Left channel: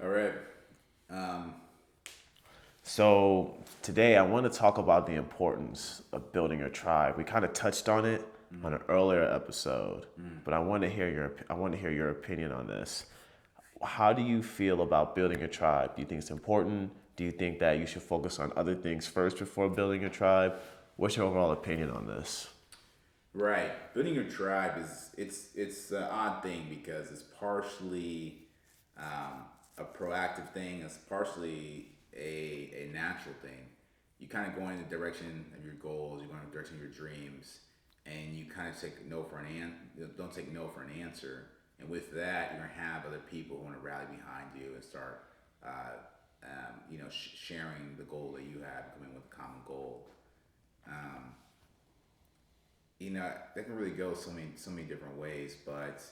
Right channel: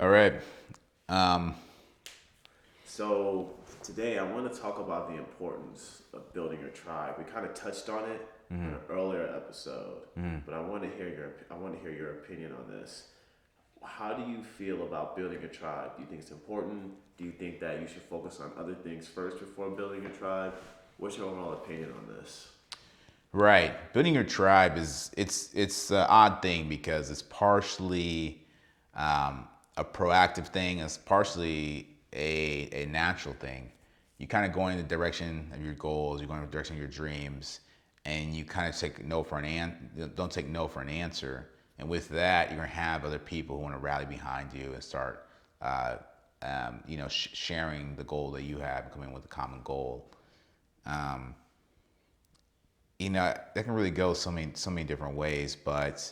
All right. Um, So today I want to talk about the importance of building a tribe. We kind of touched on it on an earlier episode, but I want to hear your opinion on this. How do you feel about building a tribe? Do you think it's important? Do you think that you should focus on other things first before building a tribe? What's your overall opinion on this? right. Building your tribe it's an odd thing because it's partially a proactive thing. It's partially a natural thing. You kind of going in the direction of your goals. You're going in the direction of your dreams, and you kind of take no for don't take no for an answer. And with that, you're gonna have other people who want to rally behind you and start, uh, sharing the goal that you have, coming with a common goal. Um, that can really go so many different ways, but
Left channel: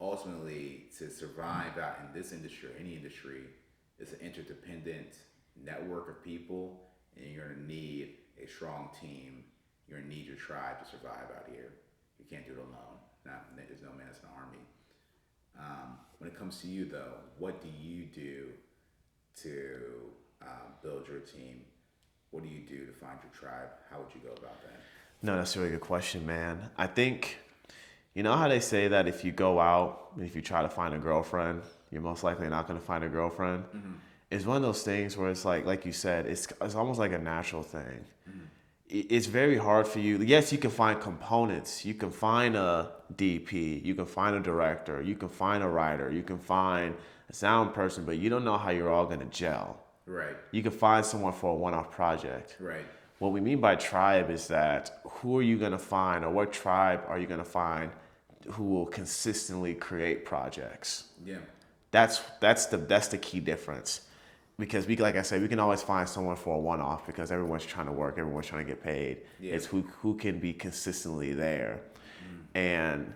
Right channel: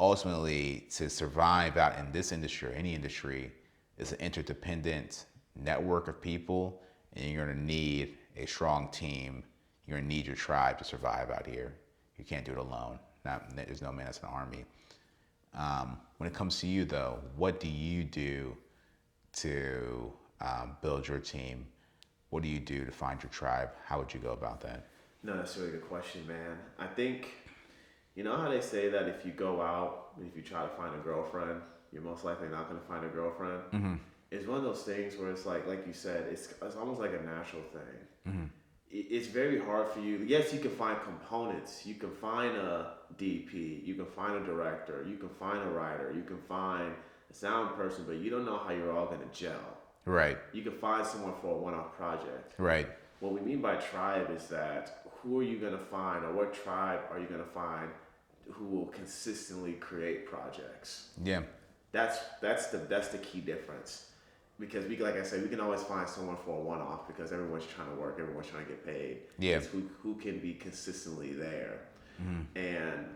ultimately to survive out in this industry or any industry is an interdependent network of people, and you're going to need a strong team. You're going to need your tribe to survive out here. You can't do it alone. There's no man that's an army. When it comes to you though, what do you do to build your team? What do you do to find your tribe? How would you go about that? No, that's a really good question, man. I think, you know how they say that if you go out, if you try to find a girlfriend, you're most likely not going to find a girlfriend? It's one of those things where it's like you said, it's almost like a natural thing. It's very hard for you. Yes, you can find components. You can find a DP. You can find a director. You can find a writer. You can find a sound person, but you don't know how you're all going to gel. Right, You can find someone for a one-off project. right, What we mean by tribe is that who are you going to find, or what tribe are you going to find who will consistently create projects? yeah, That's the key difference. Because like I said, we can always find someone for a one-off because everyone's trying to work, everyone's trying to get paid. yeah, It's who can be consistently there, and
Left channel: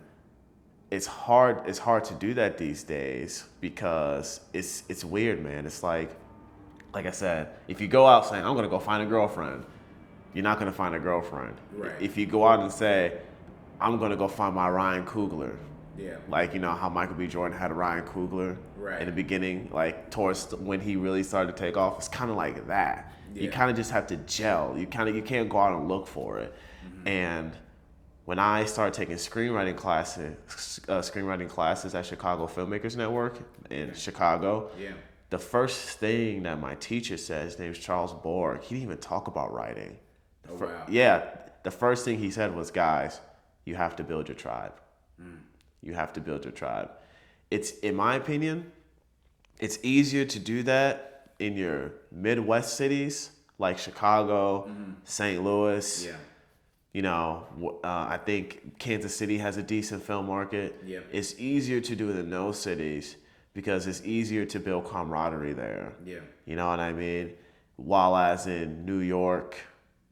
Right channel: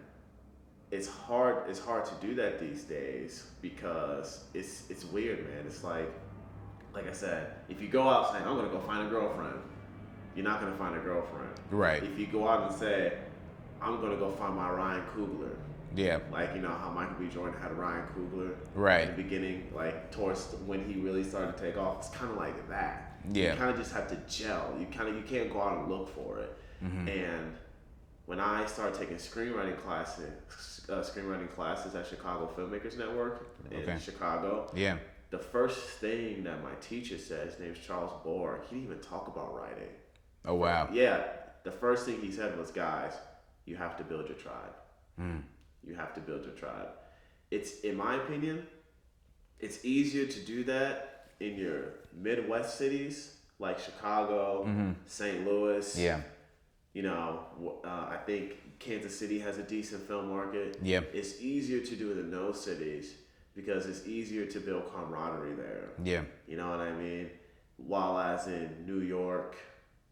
it's hard to do that these days because it's weird, man. It's like I said, if you go out saying I'm gonna go find a girlfriend, you're not gonna find a girlfriend. right, If you go out and say I'm gonna go find my Ryan Coogler, yeah, like you know how Michael B. Jordan had Ryan Coogler in right, the beginning, like towards when he really started to take off. It's kind of like that. You yeah, kind of just have to gel. You can't go out and look for it. And when I started taking screenwriting classes at Chicago Filmmakers Network in okay, Chicago, yeah, the first thing that my teacher said, his name is Charles Borg. He didn't even talk about writing. oh wow, Yeah, the first thing he said was, guys, you have to build your tribe. You have to build your tribe. It's, in my opinion, it's easier to do that in your Midwest cities like Chicago, St. Louis. yeah, You know, I think Kansas City has a decent film market. yeah, It's easier to do it in those cities because it's easier to build camaraderie there. yeah, You know what I mean? While as in New York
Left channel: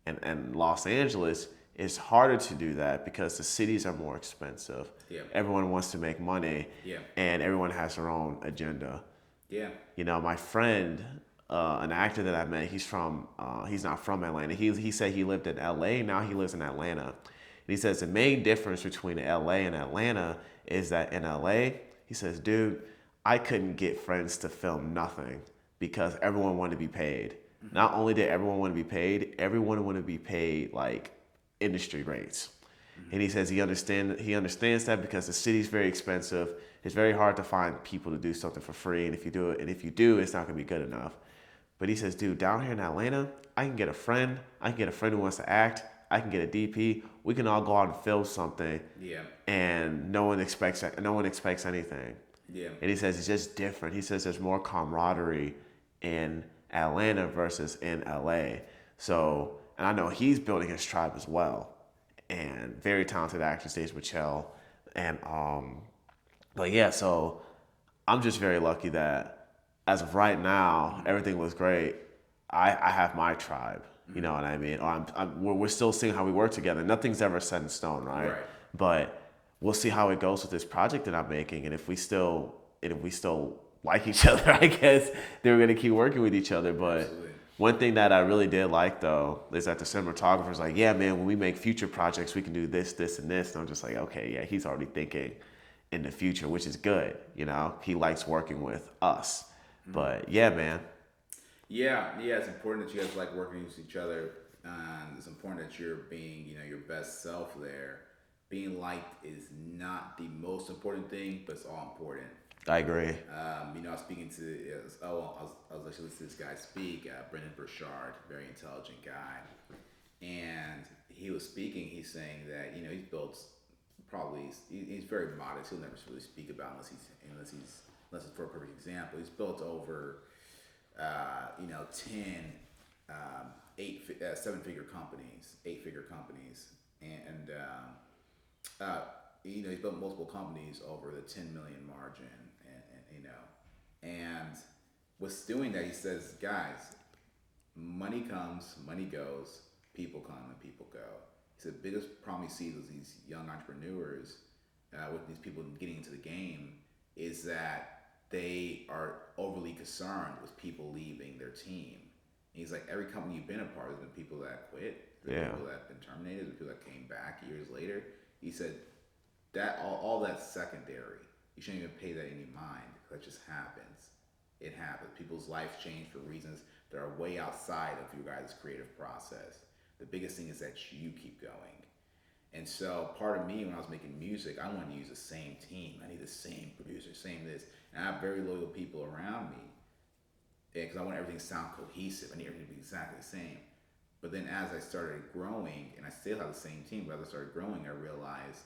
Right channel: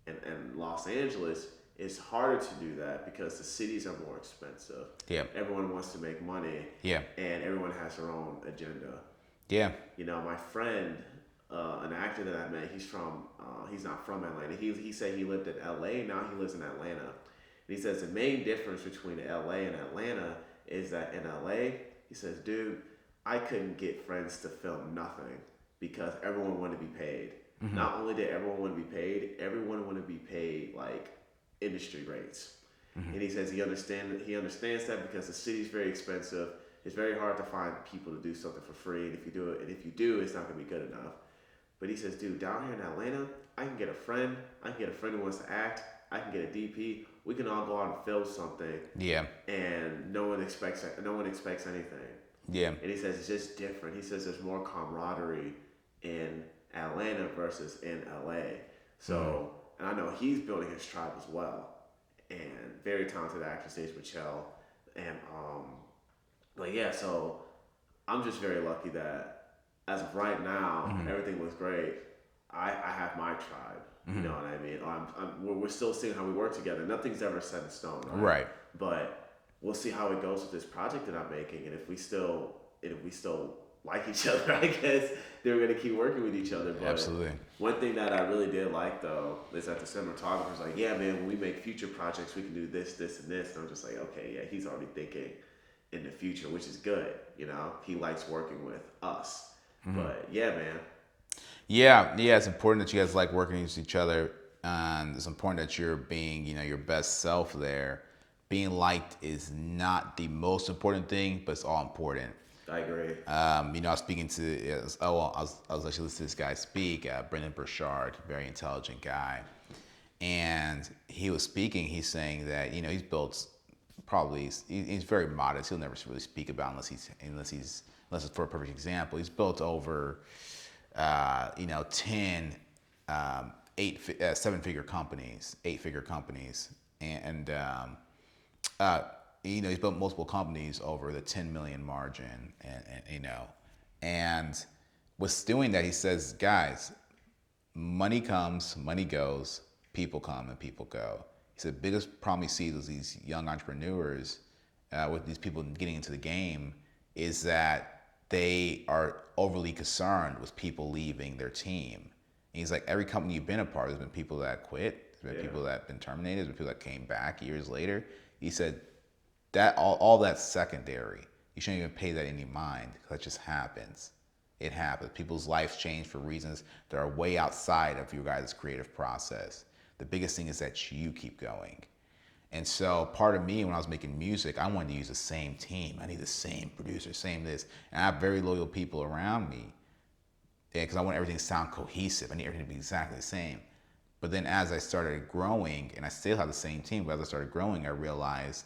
and Los Angeles, it's harder to do that because the cities are more expensive. yeah, Everyone wants to make money, yeah, and everyone has their own agenda. yeah, You know, my friend, an actor that I met, he's not from Atlanta. He said he lived in L.A. Now he lives in Atlanta. And he says the main difference between L.A. and Atlanta is that in L.A., he says, dude, I couldn't get friends to film nothing because everyone wanted to be paid. Not only did everyone want to be paid, everyone wanted to be paid like industry rates. And he says he understands that because the city's very expensive. It's very hard to find people to do something for free, and if you do, it's not gonna be good enough. But he says, dude, down here in Atlanta, I can get a friend. I can get a friend who wants to act. I can get a DP. We can all go out and film something, yeah, and no one expects anything. yeah, And he says it's just different. He says there's more camaraderie in Atlanta versus in LA. So, and I know he's building his tribe as well. And very talented actor, Stage Michelle. And but yeah, so I'm just very lucky that as of right now, everything looks great. I have my tribe. You know what I mean? Or we're still seeing how we work together. Nothing's ever set in stone, right? right, But we'll see how it goes with this project that I'm making, and if we still like each other, I guess then we're gonna keep working with each other. But absolutely, one thing that I really did like though is that the cinematographer's like, yeah, man, when we make future projects, we can do this, this, and this. And I'm just like, okay, yeah, he's already thinking in the future, which is good. You know, he likes working with us. But yeah, man. Yeah. It's important that you guys like working with each other, and it's important that you're being, your best self there. Being liked is not the most important thing, but it's all important. I agree. I was speaking to, I was actually listening to this guy speak, Brendan Burchard, very intelligent guy, and he was speaking. He's saying that he's built probably he's very modest. He'll never really speak about unless it's for a perfect example. He's built over 10 seven-figure companies, eight-figure companies, and he's built multiple companies over the 10 million margin, and what's doing that, he says, guys, money comes, money goes, people come and people go. He said the biggest problem he sees with these young entrepreneurs, with these people getting into the game, is that they are overly concerned with people leaving their team. And he's like, every company you've been a part of, there's been people that quit, there's been people that have been terminated, there's been people that came back years later. He said that all that's secondary. You shouldn't even pay that any mind, because that just happens. It happens. People's lives change for reasons that are way outside of your guys' creative process. The biggest thing is that you keep going. And so part of me, when I was making music, I wanted to use the same team. I need the same producer, same this. And I have very loyal people around me, because I want everything to sound cohesive. I need everything to be exactly the same. But then as I started growing, and I still have the same team, but as I started growing, I realized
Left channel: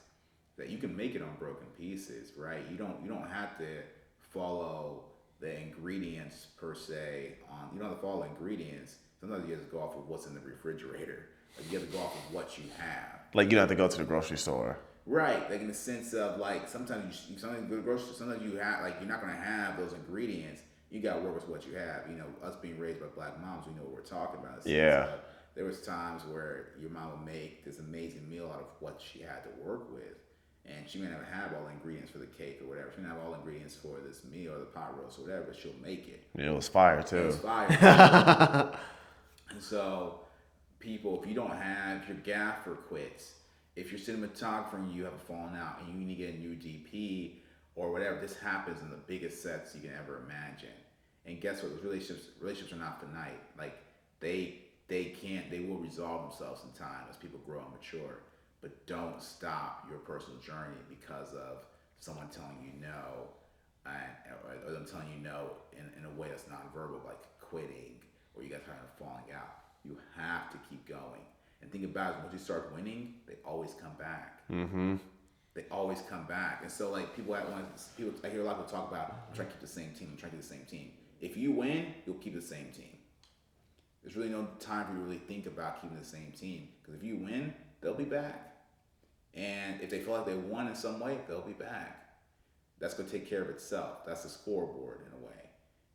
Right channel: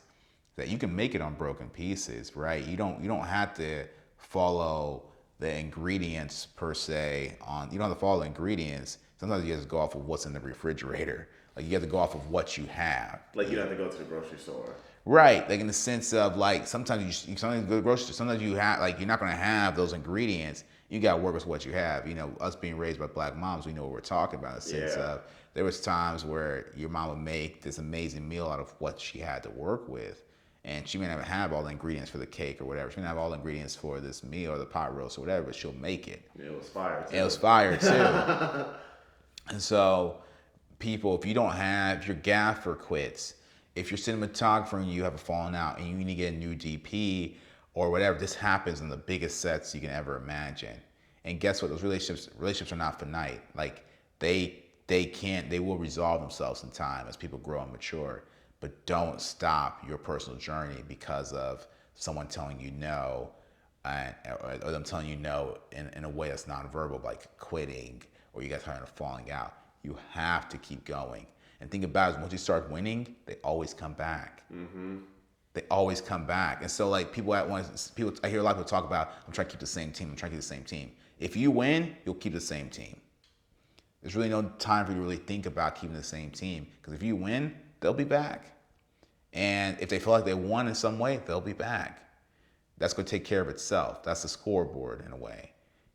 that you can make it on broken pieces, right? You don't have to follow the ingredients per se. You don't have to follow the ingredients. Sometimes you have to go off of what's in the refrigerator. Like, you have to go off of what you have. Like, you don't have to go to the grocery store. Right. Like, in the sense of, like, sometimes you go to the grocery store. Sometimes you have, like, you're not going to have those ingredients. You got to work with what you have. Us being raised by black moms, we know what we're talking about. In the sense of, there was times where your mom would make this amazing meal out of what she had to work with. And she may not have all the ingredients for the cake or whatever. She may not have all the ingredients for this meal or the pot roast or whatever, but she'll make it. It was fire, too. It was fire, too. And so, people, if your gaffer quits, if your cinematographer and you have a falling out and you need to get a new DP or whatever, this happens in the biggest sets you can ever imagine. And guess what? Those relationships are not finite. Like, they will resolve themselves in time as people grow and mature. But don't stop your personal journey because of someone telling you no, or them telling you no in a way that's nonverbal, like quitting, or you guys are falling out. You have to keep going. And think about it, once you start winning, they always come back. Mm-hmm. They always come back. And so, like, I hear a lot of people talk about, I'm trying to keep the same team. If you win, you'll keep the same team. There's really no time for you to really think about keeping the same team. Because if you win, they'll be back. And if they feel like they won in some way, they'll be back. That's going to take care of itself. That's the scoreboard in a way.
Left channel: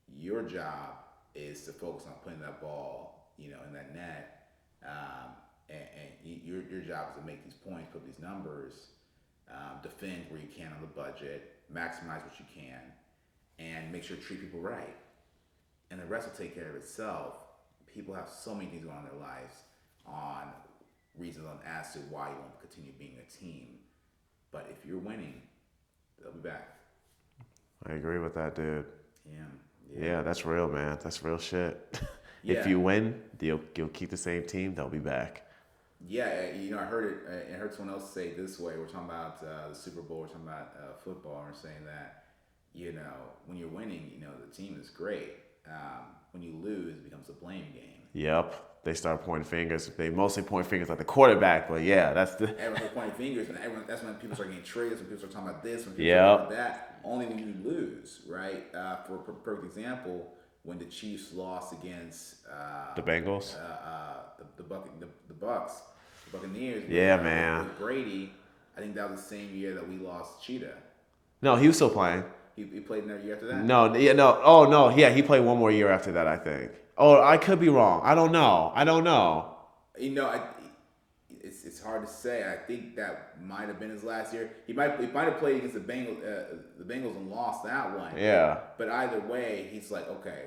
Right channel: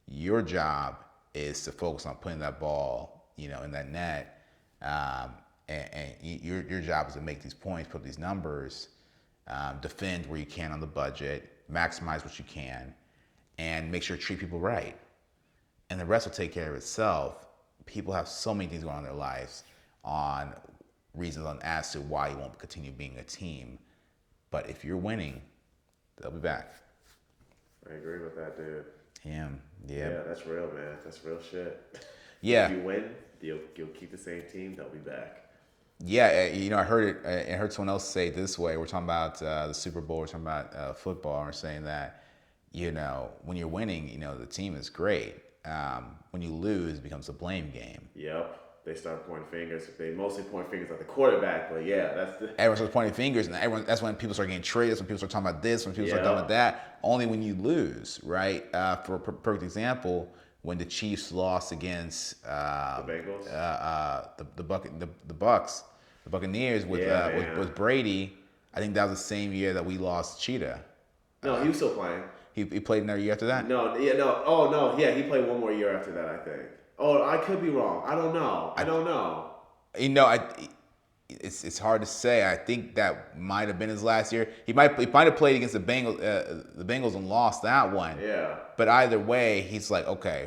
Your job is to focus on putting that ball, in that net. And your job is to make these points, put these numbers, defend where you can on the budget, maximize what you can, and make sure to treat people right. And the rest will take care of itself. People have so many things going on in their lives on reasons as to why you won't continue being a team. But if you're winning, they'll be back. I agree with that, dude. Yeah, that's real, man. That's real shit. Yeah. If you win, you'll keep the same team. They'll be back. Yeah, I heard someone else say it this way. We're talking about the Super Bowl. We're talking about football. And we're saying that, when you're winning, the team is great. When you lose, it becomes a blame game. Yep. They start pointing fingers. They mostly point fingers at the quarterback, but yeah, that's the... Everyone's pointing fingers, and that's when people start getting traded. That's when people start talking about this, when people start talking about that. Only when you lose, right? For a perfect example, when the Chiefs lost against the Bengals, the Bucks, the Buccaneers with Brady. I think that was the same year that we lost Cheetah. No, he was still playing. He played another year after that? No. Oh, no. Yeah, he played one more year after that, I think. Oh, I could be wrong. I don't know. It's hard to say. I think that might have been his last year. He might have played against the Bengals and lost that one. Yeah. But either way, he's like, okay,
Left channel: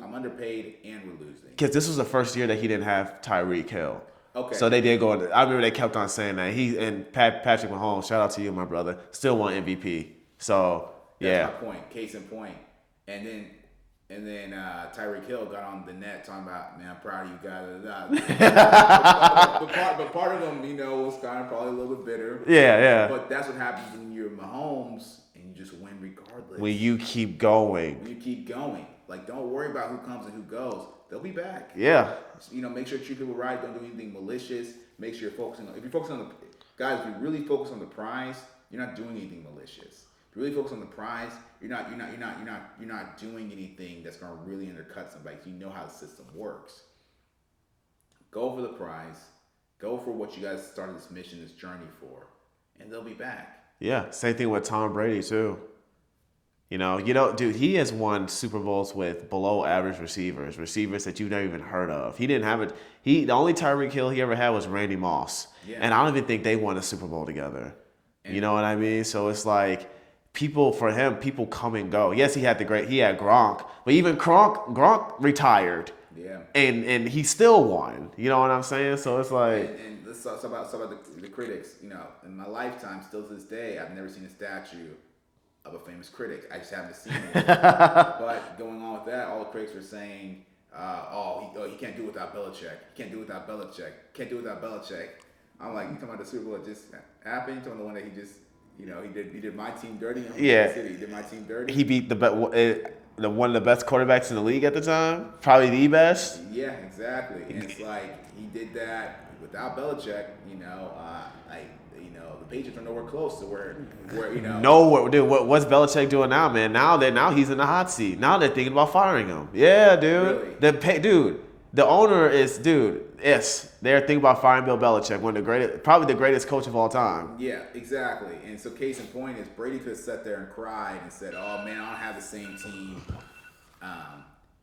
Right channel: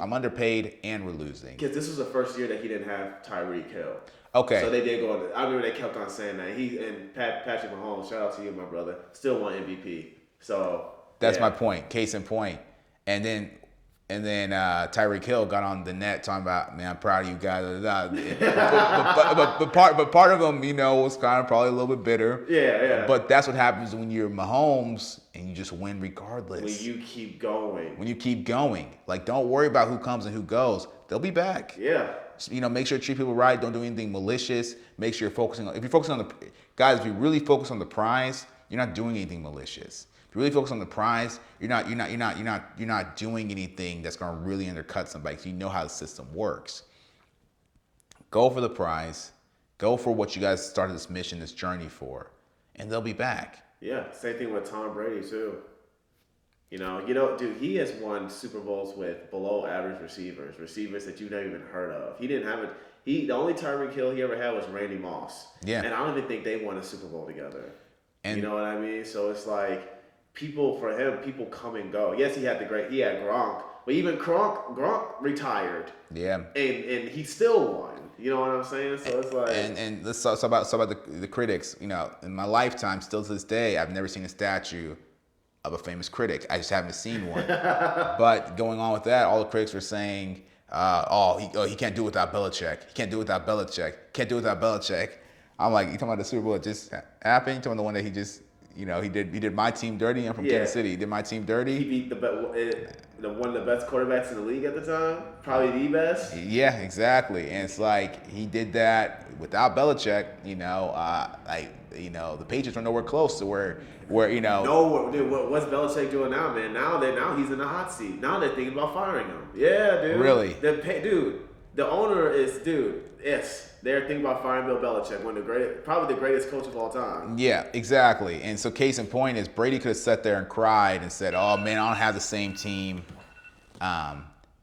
I'm underpaid and we're losing. Because this was the first year that he didn't have Tyreek Hill. Okay. So they did go. I remember they kept on saying that Patrick Mahomes. Shout out to you, my brother. Still won MVP. So that's my point. Case in point. And then And then Tyreek Hill got on the net talking about, man, I'm proud of you guys. But part of him, was kind of probably a little bit bitter. Yeah, yeah. But that's what happens when you're Mahomes and you just win regardless. When you keep going. When you keep going. Like, don't worry about who comes and who goes. They'll be back. Yeah. Make sure you treat people right. Don't do anything malicious. Make sure you're focusing on, if you're focusing on if you really focus on the prize, you're not doing anything malicious. If you really focus on the prize, you're not doing anything that's going to really undercut somebody because you know how the system works. Go for the prize. Go for what you guys started this mission, this journey for, and they'll be back. Yeah, same thing with Tom Brady too. Dude, he has won Super Bowls with below average receivers that you've never even heard of. He didn't have it. The only Tyreek Hill he ever had was Randy Moss. Yeah. And I don't even think they won a Super Bowl together. And you know what I mean? So it's like people come and go. Yes, he had Gronk, but even Gronk retired. Yeah. And he still won. You know what I'm saying? So it's like and let's talk about the critics. In my lifetime, still to this day, I've never seen a statue of a famous critic. I just haven't seen one. But going on with that, all the critics were saying, he can't do it without Belichick. He can't do it without Belichick. Can't do it without Belichick. I'm like, you talking about the Super Bowl that just happened? You talking about the one that he just, he did my team dirty? I'm from Kansas City. He did my team dirty. He beat one of the best quarterbacks in the league at the time, probably the best. Yeah, exactly. And it's like he did that without Belichick. The Patriots are nowhere close to where. No, dude. What's Belichick doing now, man? Now he's in the hot seat. Now they're thinking about firing him. Yeah, dude. Really? The owner is, yes, they're thinking about firing Bill Belichick, probably the greatest coach of all time. Yeah, exactly. And so case in point is Brady could have sat there and cried and said, oh, man, I don't have the same team.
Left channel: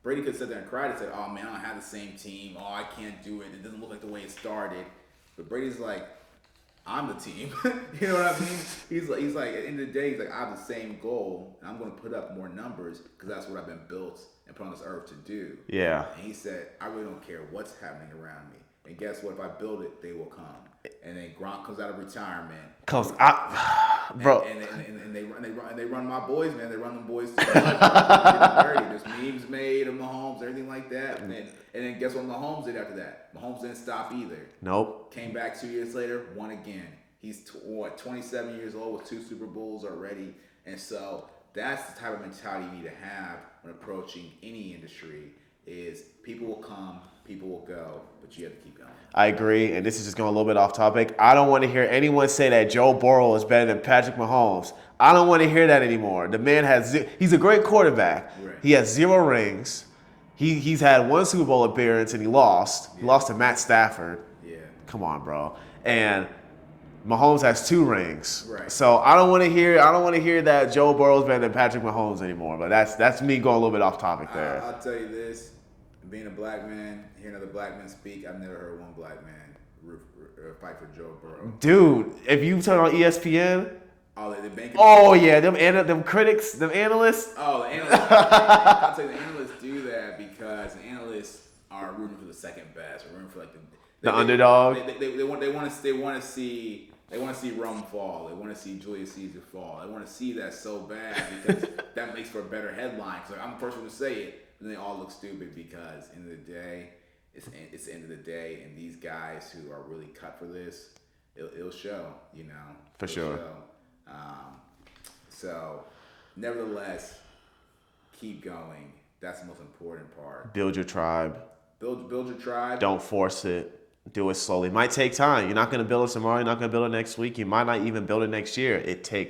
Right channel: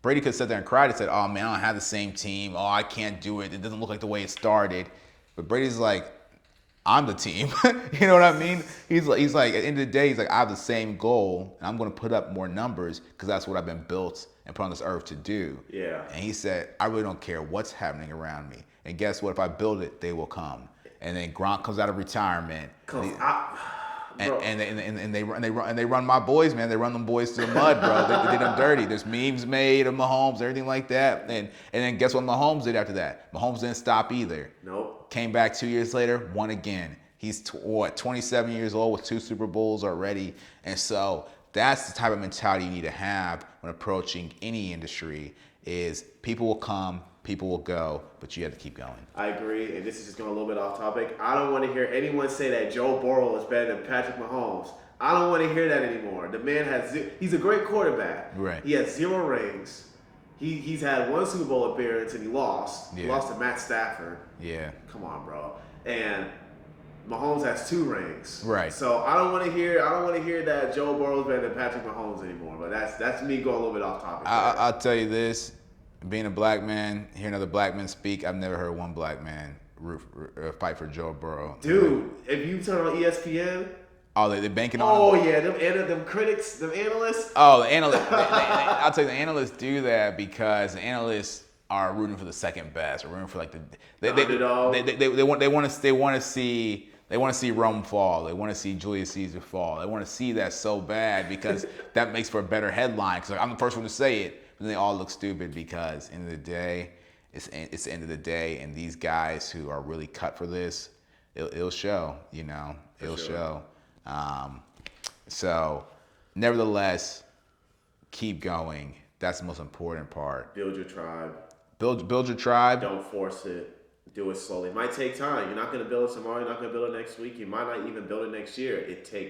Brady could have sat there and cried and said, oh, man, I don't have the same team. Oh, I can't do it. It doesn't look like the way it started. But Brady's like, I'm the team. You know what I mean? He's like, at the end of the day, he's like, I have the same goal, and I'm going to put up more numbers because that's what I've been built and put on this earth to do. Yeah. And he said, I really don't care what's happening around me. And guess what? If I build it, they will come. And then Gronk comes out of retirement. Bro. And they run my boys, man. They run them boys to the mud, bro. They did them dirty. There's memes made of Mahomes, everything like that. And then guess what Mahomes did after that? Mahomes didn't stop either. Nope. Came back 2 years later, won again. He's 27 years old with 2 Super Bowls already. And so that's the type of mentality you need to have when approaching any industry is people will come, people will go, but you have to keep going. I agree, and this is just going a little bit off topic. I don't want to hear anyone say that Joe Burrow is better than Patrick Mahomes. I don't want to hear that anymore. The man he's a great quarterback. Right. He has 0 rings. He's had 1 Super Bowl appearance and he lost. Yeah. He lost to Matt Stafford. Yeah. Come on, bro. And Mahomes has 2 rings. Right. So I don't want to hear that Joe Burrow's better than Patrick Mahomes anymore. But that's me going a little bit off topic there. I'll tell you this. Being a black man, hearing other black men speak, I've never heard one black man fight for Joe Burrow. Dude, if you turn on ESPN, they banking. Oh yeah, them critics, them analysts. Oh, the analysts. I'll tell you, the analysts do that because the analysts are rooting for the second best, or rooting for like the underdog. They want to see Rome fall. They want to see Julius Caesar fall. They want to see that so bad because that makes for a better headline. Because I'm the first one to say it. But they all look stupid because end of the day, it's the end of the day, and these guys who are really cut for this, it'll show, For sure. Show. So, nevertheless, keep going. That's the most important part. Build your tribe. Build your tribe. Don't force it. Do it slowly. It might take time. You're not going to build it tomorrow. You're not going to build it next week. You might not even build it next year. It takes